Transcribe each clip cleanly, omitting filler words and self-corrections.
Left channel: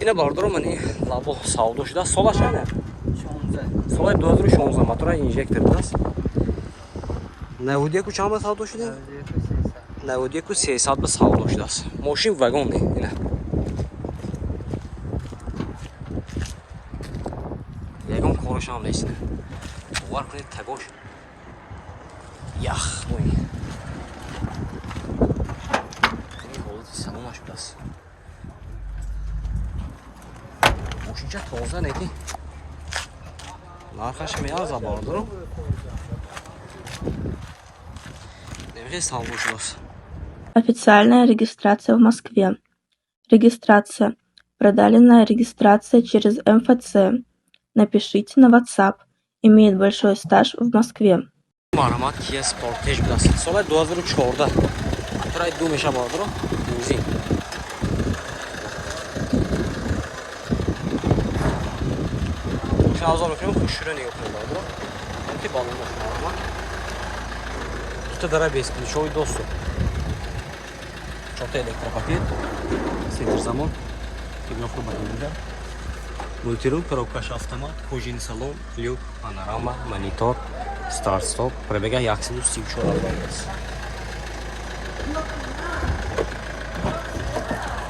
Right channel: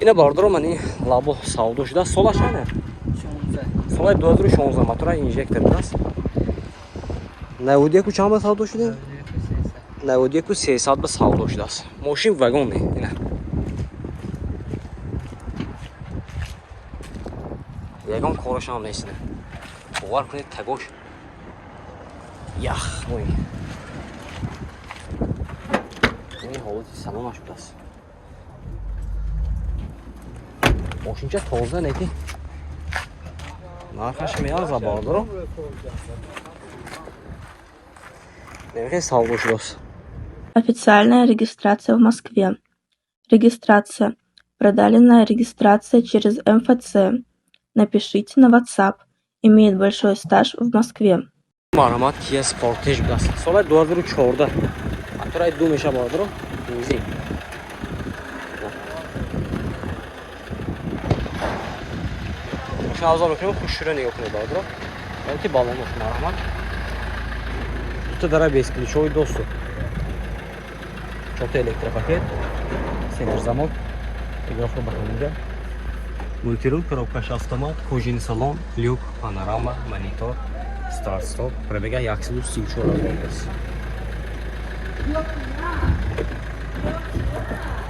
اینا باردارو منی لابو ساودو شده سالش اینه سال 2016 موتور اینژکتور است 91 چند به ساودو شده 91 300 به ساودو شده است ماشین واگن اینا یگان کارش هم نیست باور کنید تگوش یخ وای این حالت سلامش بود است ماشین چه تازه نیتی нархаш меарза бардоро нехе салгушрос. Официальная регистрация в Москве. Регистрация. Продаленная регистрация через МФЦ. Напишите на WhatsApp. Имеет большой стаж в Москве. Мархамат Kia Sportage баст. Соли 2014. Атраи 2 меша бардоро. Бензин. Шаза мекунем хушура нигоҳ кунед бардоро. Олти балон бош марҳамат. Фута дара бесключовый доступ. 4 электропакет. Сенсор-замок. Игрофа бахамида. Мультируль, коробкаш автомат, кожаный салон, люк, панорама, монитор, старт-стоп. Пробега 134 аст.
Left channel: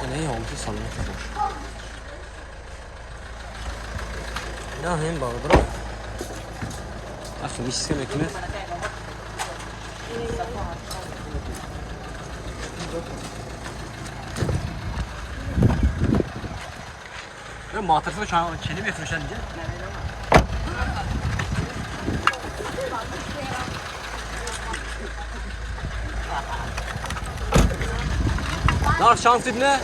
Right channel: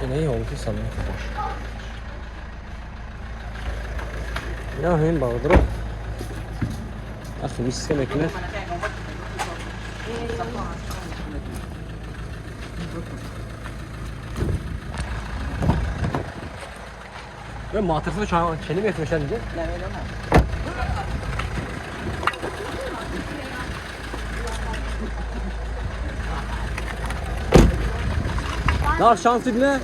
Ина олти салон хош. Ина ҳем бардоро. Ахи миска мекунед. Ve matırsı çeni mi etmişler diye? Nar şans ibne?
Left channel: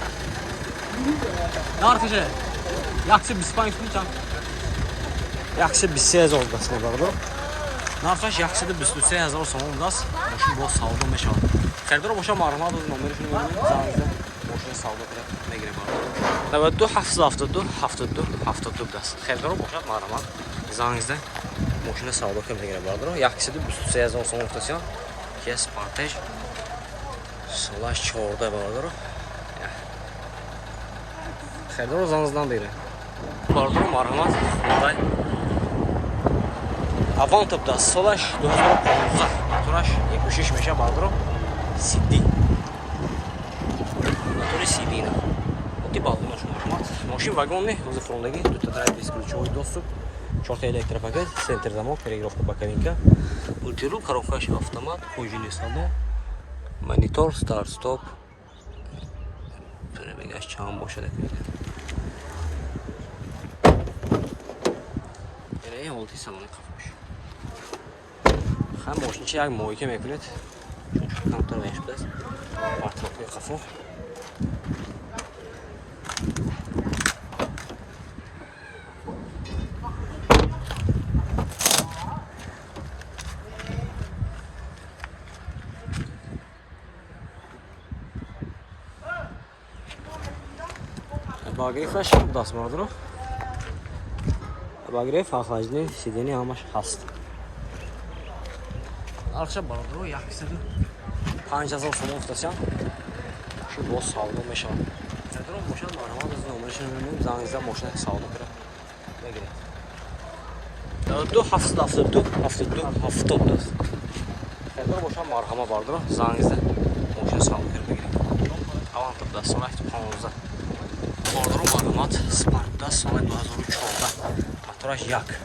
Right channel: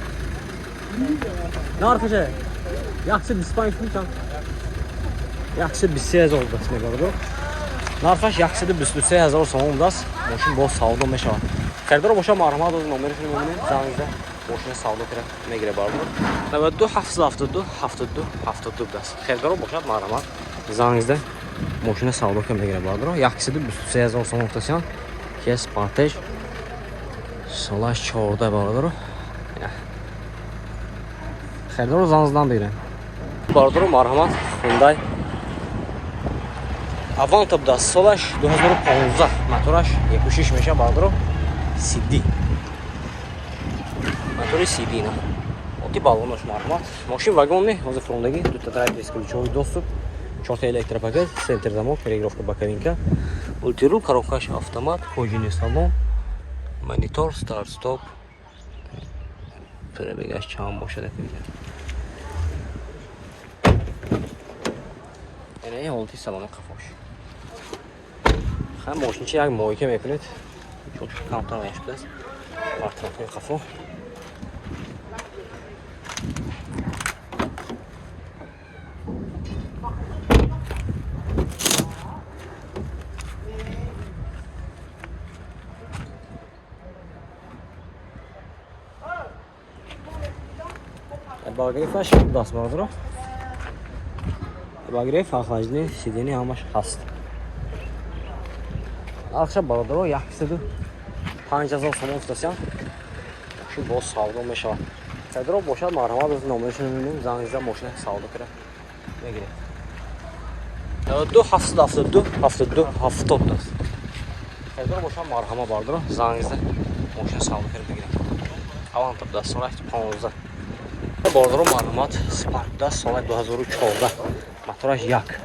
Nar kışı? Yaksı bispan üstünü çan. Yaksı bissez oldu aslında bakıdır. Nar faş yaksı da büslüse yazar sonundas. Moşun boş savdu meşa. Xərdar boşa marhama da numara şunu bunu canınızda. Boşuna savdu kıra ne gire bağlıdır. 92 72 dast. Xərdar boşa marhama canınızda. Moşuna savdu kıra ne gire bağlıdır. Yaksı da büslüse yazar sonundas. Kia Sportage. Salaş çoğurda bağlıdır. Xərdar canınızdan biri. Bağlıdır marhama Hyundai. Avantop da Solaş 2015 motoraş 76 meşe bağlıdır. CD. Motoru CD na. Oti balonаш мархамат. Машин вагонный, возле фронтаги, тут драйв бесключевой доступ, 4 электропакет, центр замок, регулировка боковинка, мультируль, коробкаш автомат, кожаный салон, монитор, старт-стоп. Пробегаш чам боша рахмет. Ene olti salona kafoş. Hem moşinçi як moyke mekунед. Чун камтар мешудас. Партрофи кафо. Багрифаш даст бардро. Багриф охлаждение сиденья ҳамаш ҳаст. Нархша бардро 5000 сомон стасиан. Шу бо савдо мешавад. Хедро бошад марҳамат аз номерашон мебинем зангизда мошина савдо кара. Мегиред. 72 даст. Хедро бошад марҳама бардро зангизда мошина савдо кара бигиред. Авантоп даст соли 15. Бардро марҳамат Spark даст соли 2014. Мотораш як.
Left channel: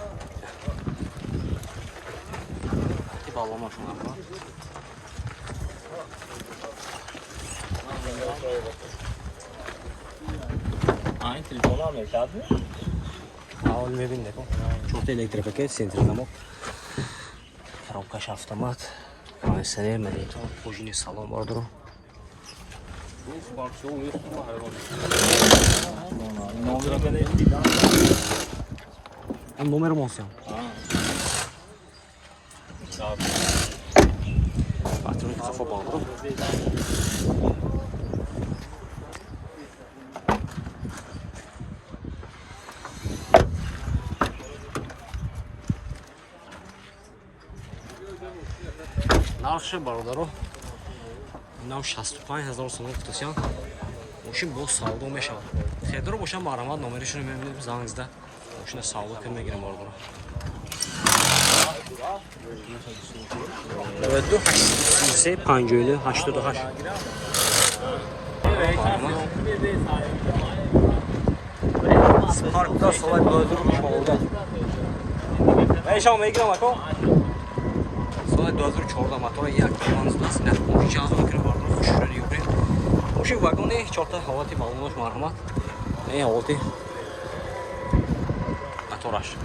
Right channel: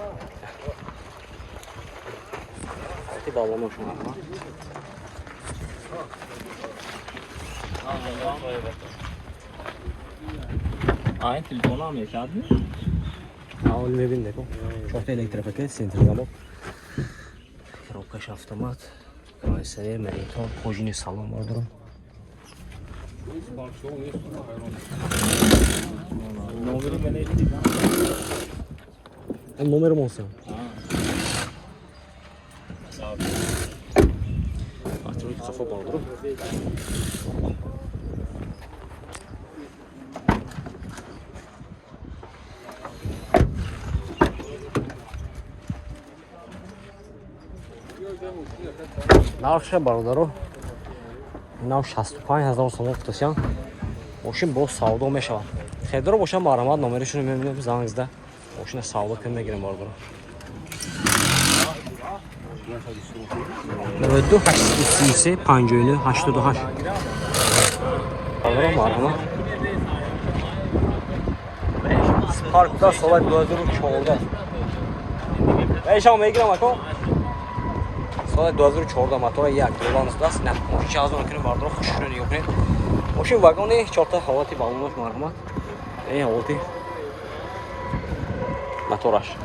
Алти балонош марҳамат. این تلفن هم میکرد اول میبین دیکن 4 الکتریپاکت سنتر замок коробкаш автомат кондиционер монитор кожаный салон бардро номер монсиам патронки кафо бардро нархша бародаро инам 65000 сомон футосян ماشین با سودا میشود. خیلی باشه مرحمت نمرشون میبینیم زنگزده. ماشین سودا کنیم میگیریم باردارو. 92 83 59 88 باردارو مرحمت. سپارک دا سوال 2014. ایشان میگیرم اکو. سال 2014 موتور یک لیوانز دست نه ماشین از اون کنیم باردارو خوش شدن یوکنید. ماشین واگن 4 تا حالتی بالونش مرحمت. این حالتی موتورش.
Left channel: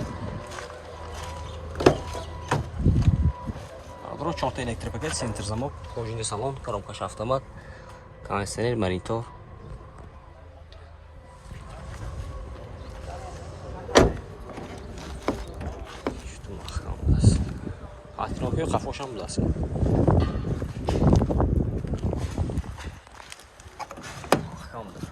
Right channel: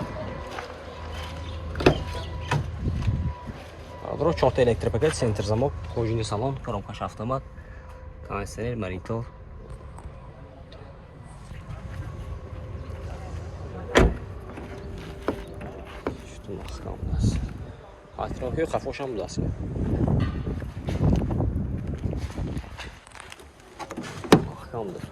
باردارو 4 تا الکتریک پاکت سنتر زمک پروژه سالن коробкаш автомат кондиционер монитор что махкам даст атроки кафошам даст махкам даст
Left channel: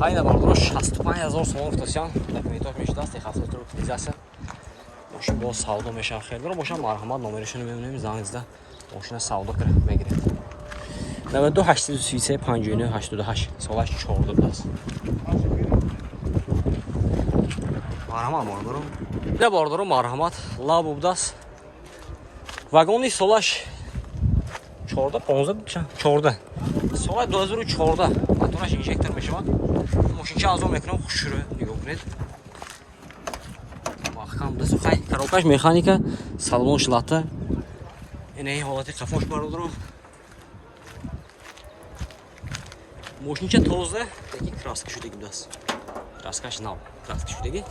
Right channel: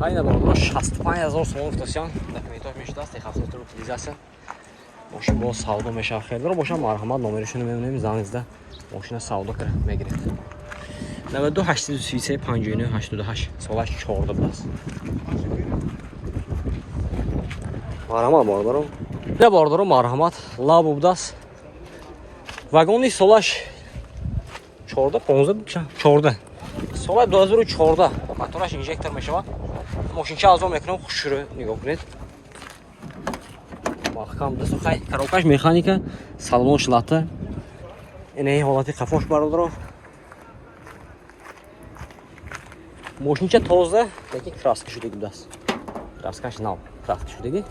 خیلی باردارو 65000 سوم افتادن دکومنتاش میشه دست خاصیت رو utilizatsiya ماشین با سودا میشه خیلی رو باشه مرحمت نمرشون میبینیم زنگزده ماشین سودا کنه میگیرید 92 83 59 88 سالش 14 بلاس مرحمت باردارو نه باردارو مرحمت لابو بداس واگونی سالش 14 15 14 سال 2014 موتورش اینجکتور میشه ماشین چه از اون میکنم خوش رو نگاه کنید محکم دست و خیلی коробкаш механика салон шлата این حالتی قفاش باردارو ماشین چه تازه دیگه краска شدگی دست краскаш نو краска شدگی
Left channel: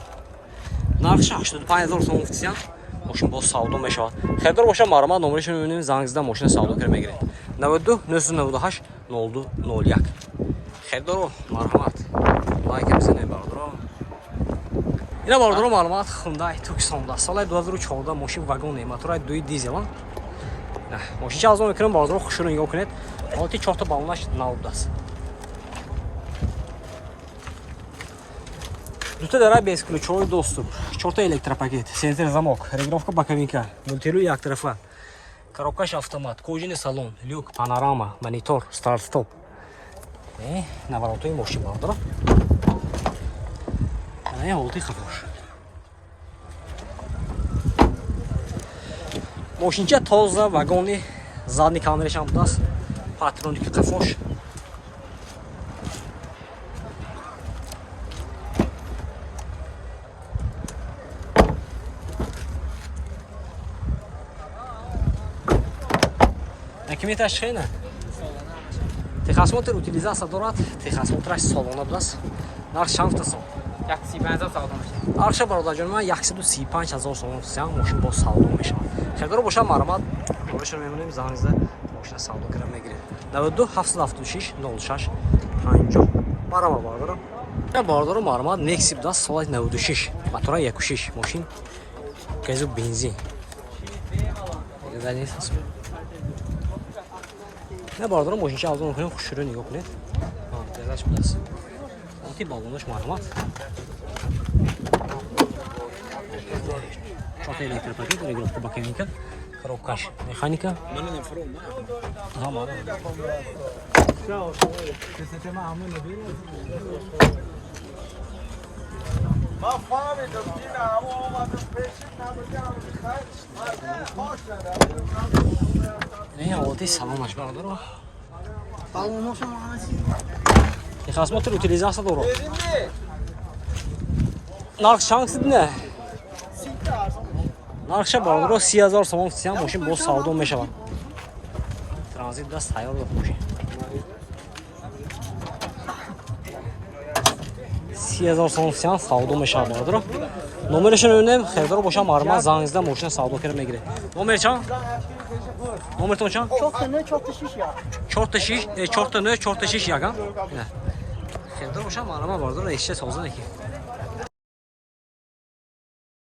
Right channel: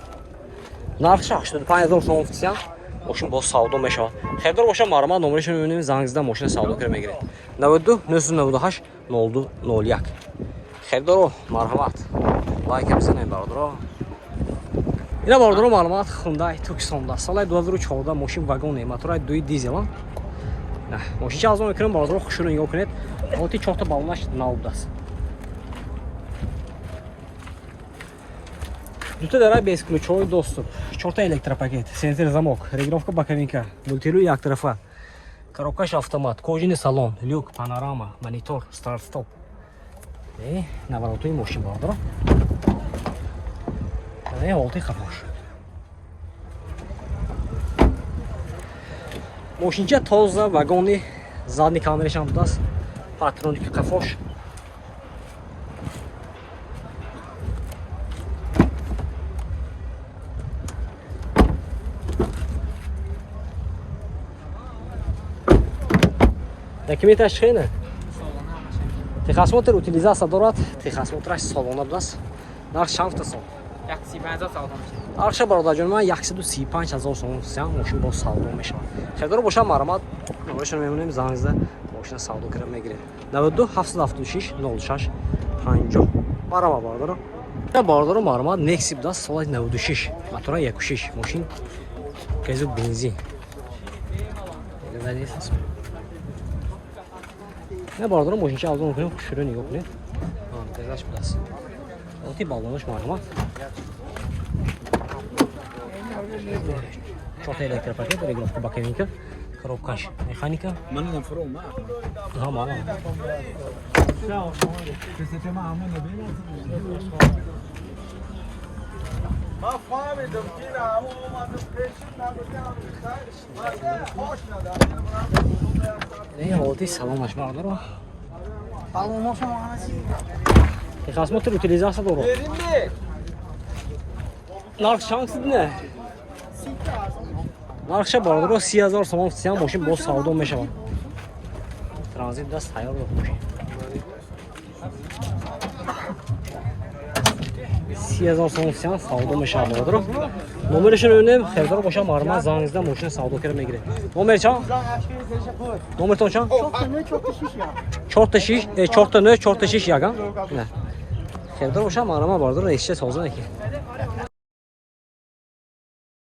нархш 85000 сом официал ماشین با سودا میشود خیلی باشه مرحمت نمرشون میبینیم زنگ زدن ماشین سودا کنه میگیره 92 998 02 01 خیلی رو مرحمت لایک بزنید باردارو اینا باردارو معلومات خوندای توکسوندا سال 2014 ماشین واگن موتور 2 دیزل نه ماشین چه از اون میکنم باردارو خوشونو نگاه کنید حالتی 4 تا بالونش نو دست دو تا داره без ключовой доступ 4 та электропакет центр замок регулировка боковинка мультируль як тарафа коробкаш автомат кожаный салон люк панорама монитор старт стоп наворотои мошин бардоро ин ҳолати хафош мошинча тоза вагони задни камерашам будааст патроники хафош документаш хеле техосмотр утилизация дорад техосмотраш солона будааст нарх чанд сом 135,000 савдо мешавад. арша бародарҷон ман 135000 сом сиям мошин бо савдо мешавад хеле ро боша марамат номерашон мемонем занзда мошина савдо кара мегиред 92 776 06 50 марама бардаро я бардаро марамат Nexi даст соли 96 мотора 1.6 мошин газу бензин элезалесас я бардаро мошинча авзон мекунем хушро нигоҳ кунед тезаш будаст оти балонош марамат 4 электропакет регулировка боковинка коробкаш механика ها مالا این حالتی سلامش بردارو техосмотр утилизация доро нарх чанд не нархша бардоро 30000 сом сиям мошин бо савдо мешавад транзит даст тайёр мошин 30000 сом сиям савдо мешавад бардоро номерашон мебинем хелдоро боша марма зангизда мошина савдо кара мегире номер чанд номертон чанд 4 та 9 4 та 6 ягам ина хелдоро боша марма бардоро эшче соза неки